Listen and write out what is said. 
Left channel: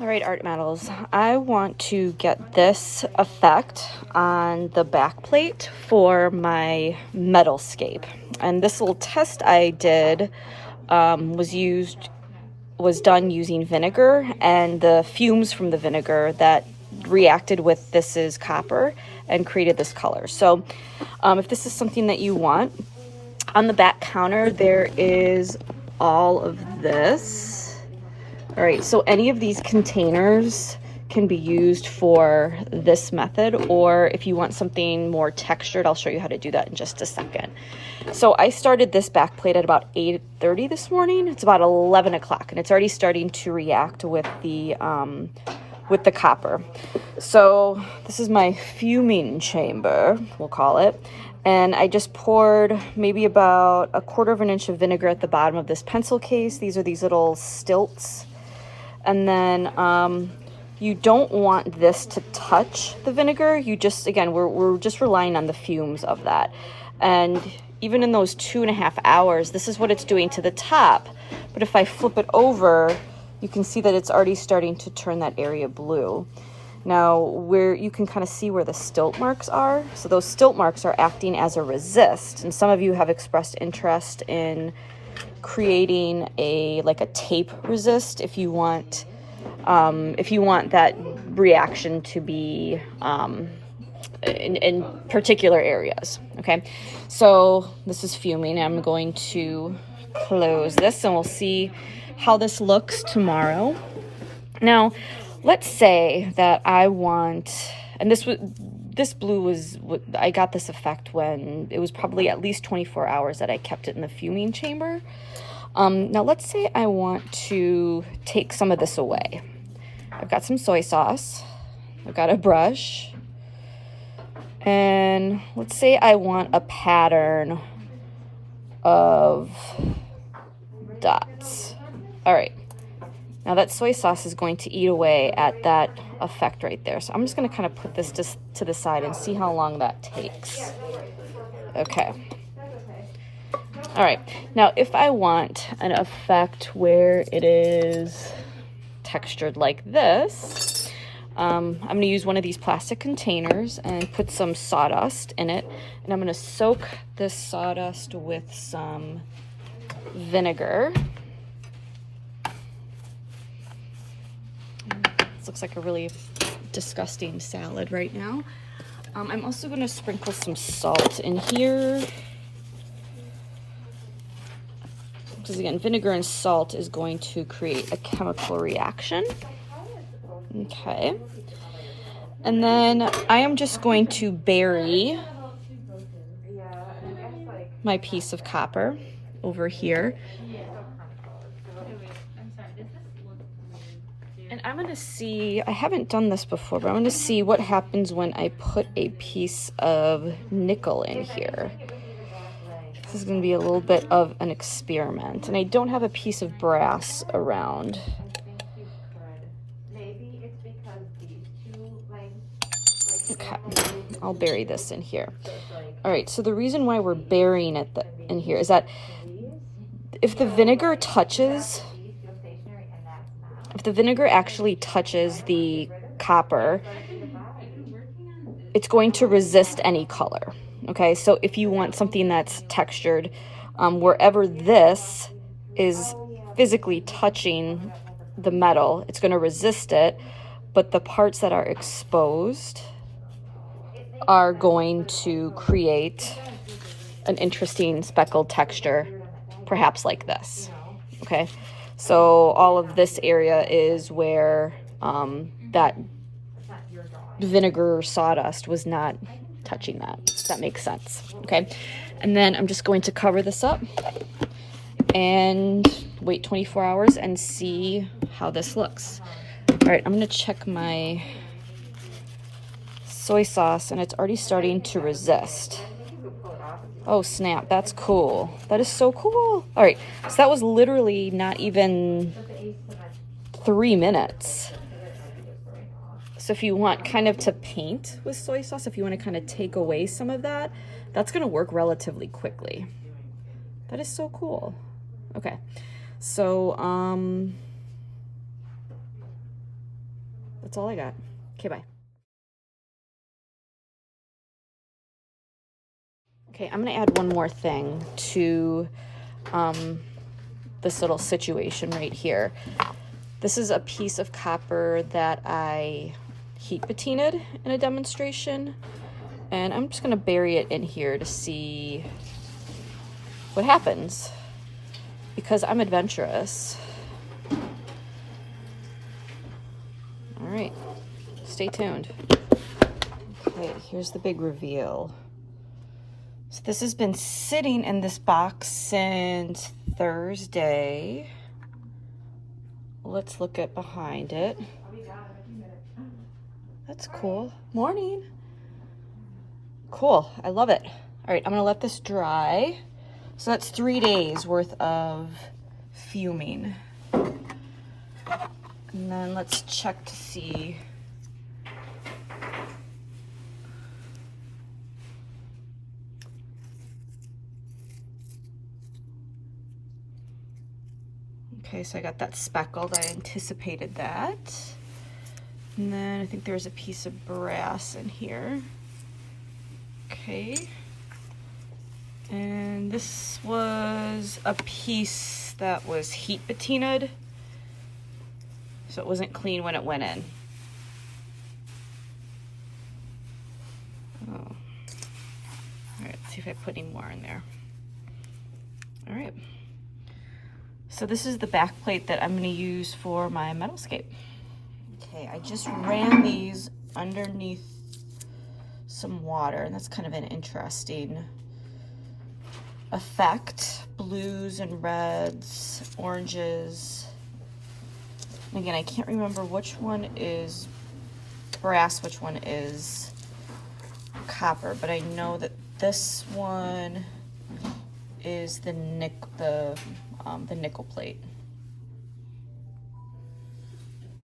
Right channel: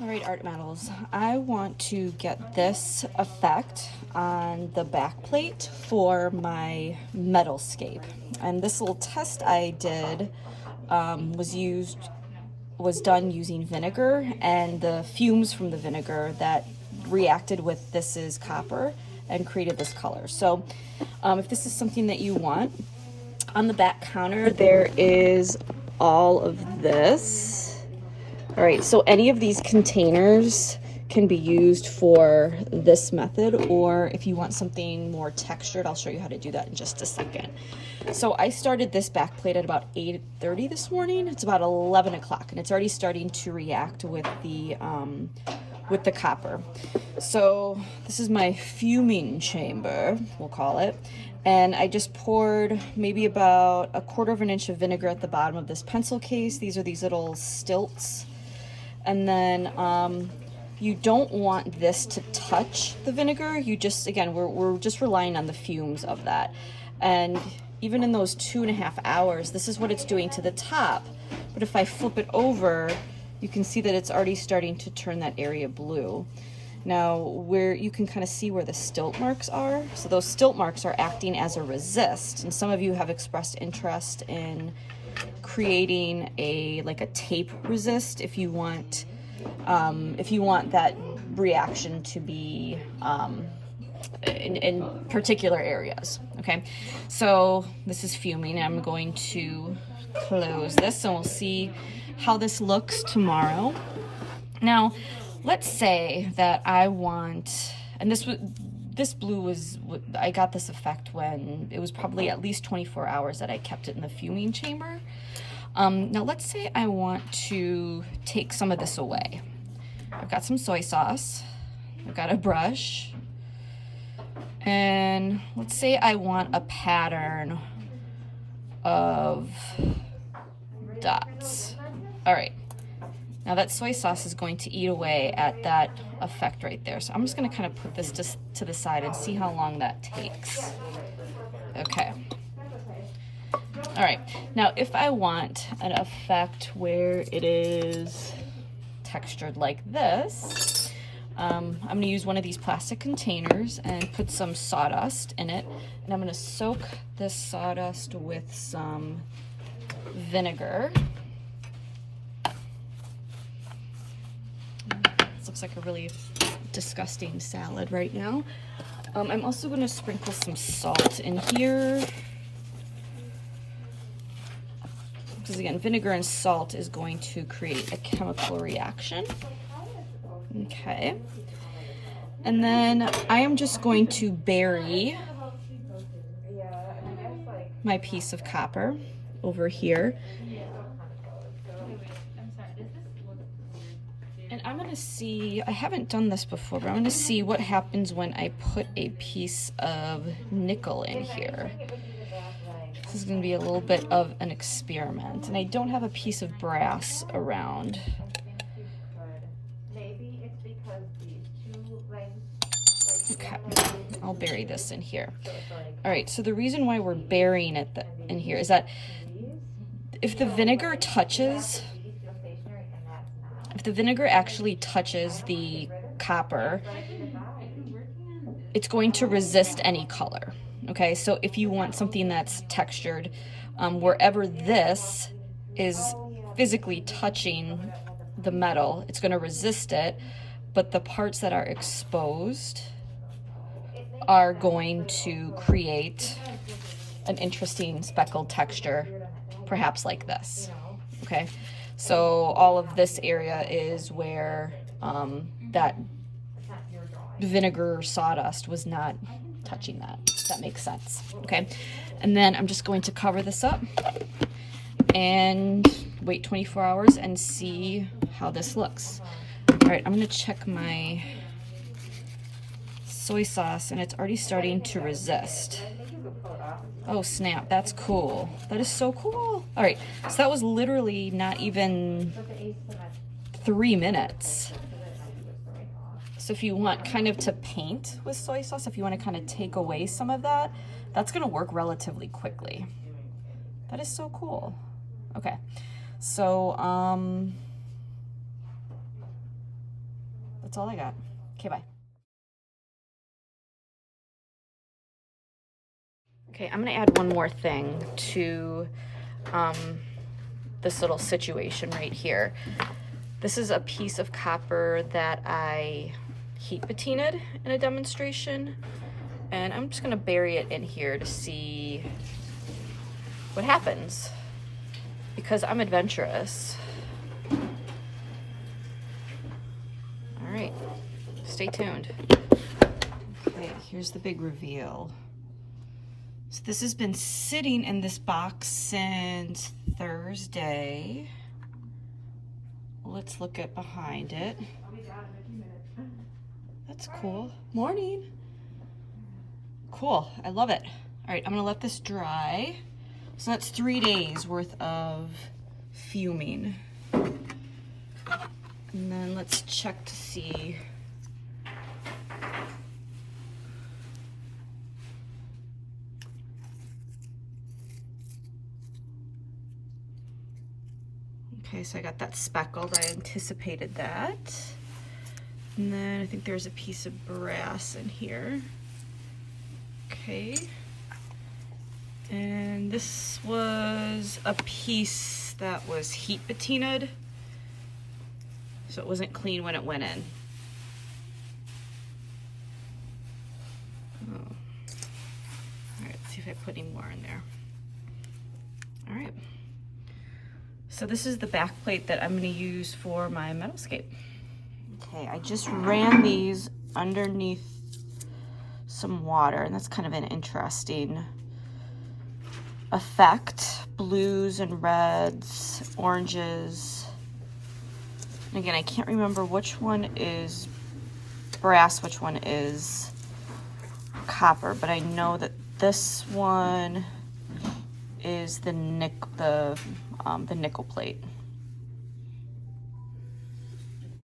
All right, art metals. I want to get this effect on the back plate for my metalscape. And this little test I did was done using vinegar, and the fumes from the vinegar that reacted with this is copper and created this color. So if this is something that you want, on the back counter there is all of this. All right, so any of these containers can be used for this method, or if you want something more textured, I'll show you how to do that in just a second. So I started this back plate at about 8:30 this morning. It's about 11 o'clock, and it's already starting to react with the copper. So this is my fuming chamber, we'll call it. And I just poured maybe about 1/4 of an inch of vinegar at the bottom of this pencil case. These are these little stilts. And then you don't want this to touch the vinegar. You just, again, we're just relying on the fumes of that. And even in those 2.5 hours, this is what it's doing to the top. But if I flip it over, you can see that it's already starting to turn that area blue. Now, where you can kind of see where the stilt marks are. So those stilt marks are acting as a resist. And some of you have expressed interest in creating a tape resist if you want that reaction to be in particular areas. Okay, so this is fuming. I'm going to close this and we'll see how this looks tomorrow. Now let's say that I want, and this blue was, I got this effect when it was probably at least 24 hours that I kept it in the fuming chamber. Now let's say I want to take some of this away. I've got some soy sauce, I've got a brush, and let's say I want a pattern of dots. All right, now that soy sauce is going to eat away at that effect right there. So I'm just gonna kind of put this just to the side and see how long that takes. Okay. All right, now if I want an effect where it is textured like this, I'm gonna use one of these plastic containers and put some sawdust in it. And I'm gonna soak this sawdust with some vinegar. This looks like a really disgusting salad right now. I'm also gonna sprinkle some salt in here. Because again, vinegar and salt is going to create a chemical reaction. Okay. And then I am just going to bury my piece of copper over here. And I'm gonna see, I haven't done this before, but I'm gonna see what happens when I put a piece of nickel in here. This is going to be a little bit of an experiment, and I don't have a piece of brass around. Okay, I'll bury this in here. All right, so the reason why we're burying it in here is that if the vinegar actually touches the copper, it's going to resist any color. Okay, so if you want something that's textured, wherever this is physically touching the metal, it's going to resist it, but the parts that are exposed are going to create an interesting speckled texture, perhaps like this. Okay, so all of this area is where that vinegar sawdust was not touching that, if that makes sense. Okay, and then I'm just going to cover this up and wait 24 hours and see how this looks. All right, I'm gonna check my soy sauce, and it's already starting to resist. Oh snap, that's cool. That is so cool. All right, so that was literally not even 3 minutes. So if you want kind of to paint with soy sauce, if you want to kind of take away some of that, that's going to work relatively quickly. That is so cool. Okay, so that's all I got. Okay, bye. Okay, I'm gonna add one more thing to this little situation right here. This is a piece of copper that I heat patinaed in a demonstration, and I'm just gonna bury it in here to see what happens, because I'm adventurous. All right, stay tuned. Okay, here's the big reveal. So this has been sitting in this box since Thursday. Let's look at behind it. That's cool. Morning. Cool, I love it. All right, I'm gonna let this dry. So that's 3 days worth of fuming. And then let's check to see. Okay, so I got that speckled. I anticipated that. And then I think there's a piece of brass in here. Okay. And this was a piece that was heat patinaed, so it wasn't clean when it went in. Oh. All right, let's see if I put any more in there. All right. So this is the back plate that I'm going to use for my metalscape. Okay, I just ran these underneath some water, and that's kind of an interesting effect. Blues and reds, oranges. And again, I can't remember which one is brass, which one is copper, but I know that this one is the nickel plate.